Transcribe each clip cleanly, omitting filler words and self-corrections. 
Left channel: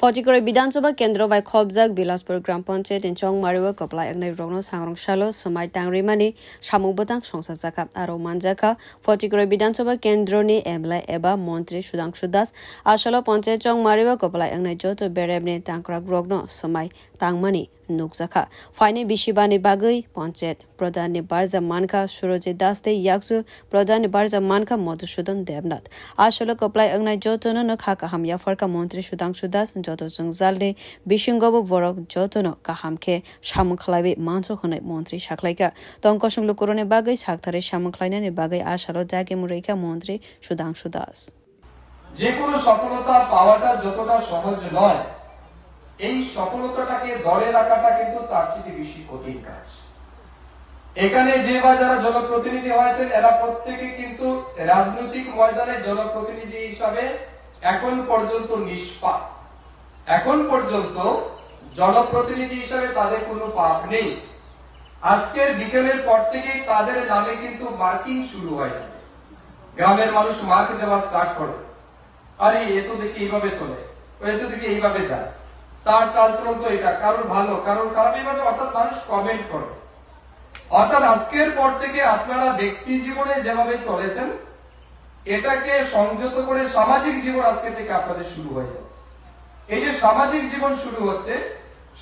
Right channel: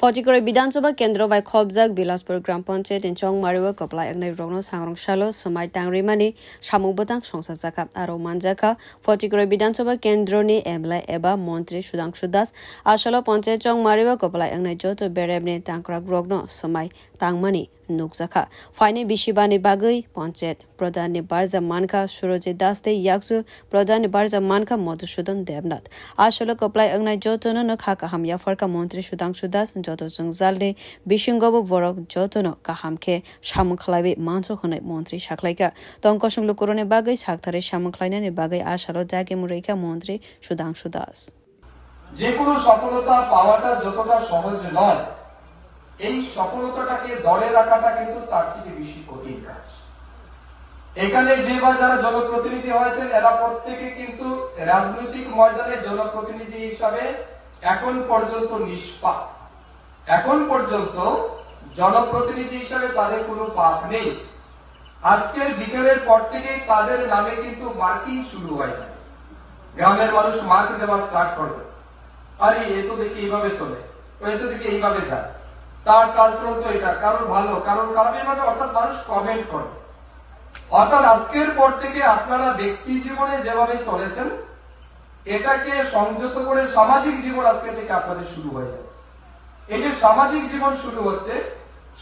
ফটিকরে বিধানসভা কেন্দ্র বাই খবজাক বিলাসপুর গ্রাম পঞ্চায়েত ইনচং মারিও কপলাই একনাই রংনো সাংরং সালো সমাই টাংরিমানি সামুবতাং সংসার জাকা আরো মানজাকা ফটিকরে বিধানসভা কেন্দ্রনি এমএলএ এবা মন্ত্রী সুধাংশু দাস আসলো পঞ্চায়েত চং মারিও কপলাই একনাই যত বেরেবনি টাংক্রাক রংনো সমাই টাংমানি নুকজাকা ফাইনে বিশিবানি বাগৈ পঞ্চায়েত প্রধাননি বারজা মানকা সুরজিৎ দাস তে ইয়াকসু প্রধাননি বারজা মানকা মধুসূদন দেবনাথ আসলো কপলাই একনাই যতন নখা কাহাম ইয়াফরকা মন্ত্রী সুধাংশু দাস যত জংজালনি বিশিঙ্গব বরক যতন কাহামকে সামুখলাইবে মানস হনাই মন্ত্রী সাখলাইকা তংকসং লুকুরনে বাগৈ সাকথারে সামুখলাইনানি বাগৈ আসলো জাগে মুরেকা মন্ত্রী সুধাংশু দাস যে কোনো সফলতা পাওয়াটা যতটা সহজ নয় এই সফলতাটাকে ধরে রাখাটা কিন্তু তার থেকে বেশি কঠিন কাজ। এখানে যে যারা জনপ্রতিনিধি হয়েছেন এরা প্রত্যেকে কিন্তু রাজনৈতিক ময়দানে জনপ্রতিনিধি হিসাবে এখন পর্যন্ত নিষ্পাপ। এখন পর্যন্ত জনপ্রতিনিধি হিসাবে তাদের কোনো পাপ নেই। আজকের বিকেলের পর থেকে তাদের নামে কিন্তু মার্কিং শুরু হয়ে যাবে। গ্রামের মানুষ মার্ক দেওয়া স্টার্ট করবে, আরে এ তো দেখি এইভাবে চলে, এ তো দেখি এইভাবে যায়, তার চালচলন তো এটা কারণ ভালো কারণ খারাপ, এইভাবে অর্থাৎ মানুষ কমেন্ট করে। অর্থাৎ আজকের পর থেকে আপনারা ব্যক্তি জীবনে যেভাবে চলেছেন এটাকে সংযত করে সামাজিক জীবন আজকে থেকে আপনাদের শুরু হয়ে যাচ্ছে। এই যে সামাজিক জীবন শুরু হচ্ছে,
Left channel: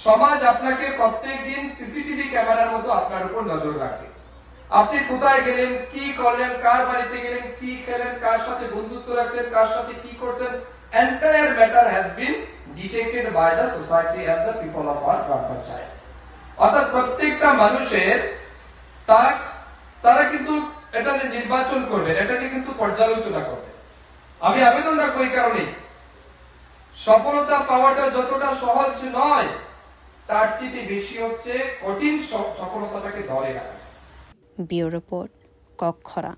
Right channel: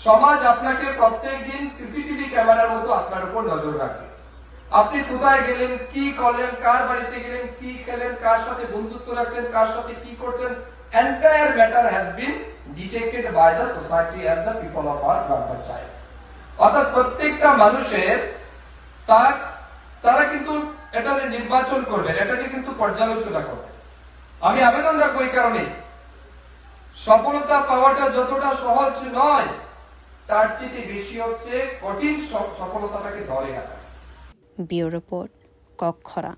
সমাজ আপনাকে প্রত্যেক দিন সিসিটিভি ক্যামেরার মতো আপনার উপর নজর রাখে। আপনি কোথায় গেলেন, কি করলেন, কার বাড়িতে গেলেন, কি খেলেন, কার সাথে বন্ধুত্ব রাখছেন, কার সাথে কি করছেন, entire matter has been detected by the society and the people of our panchayat. অর্থাৎ প্রত্যেকটা মানুষের তারা কিন্তু এটা নির্বাচন করবে, এটাকে কিন্তু পর্যালোচনা করবে। আমি আবেদন রাখবো এই কারণে, সফলতা পাওয়াটা যতটা সহজ নয় তার থেকে বেশি হচ্ছে কঠিন সফলতাটাকে ধরে রাখা। Bureau report কক্ষরা।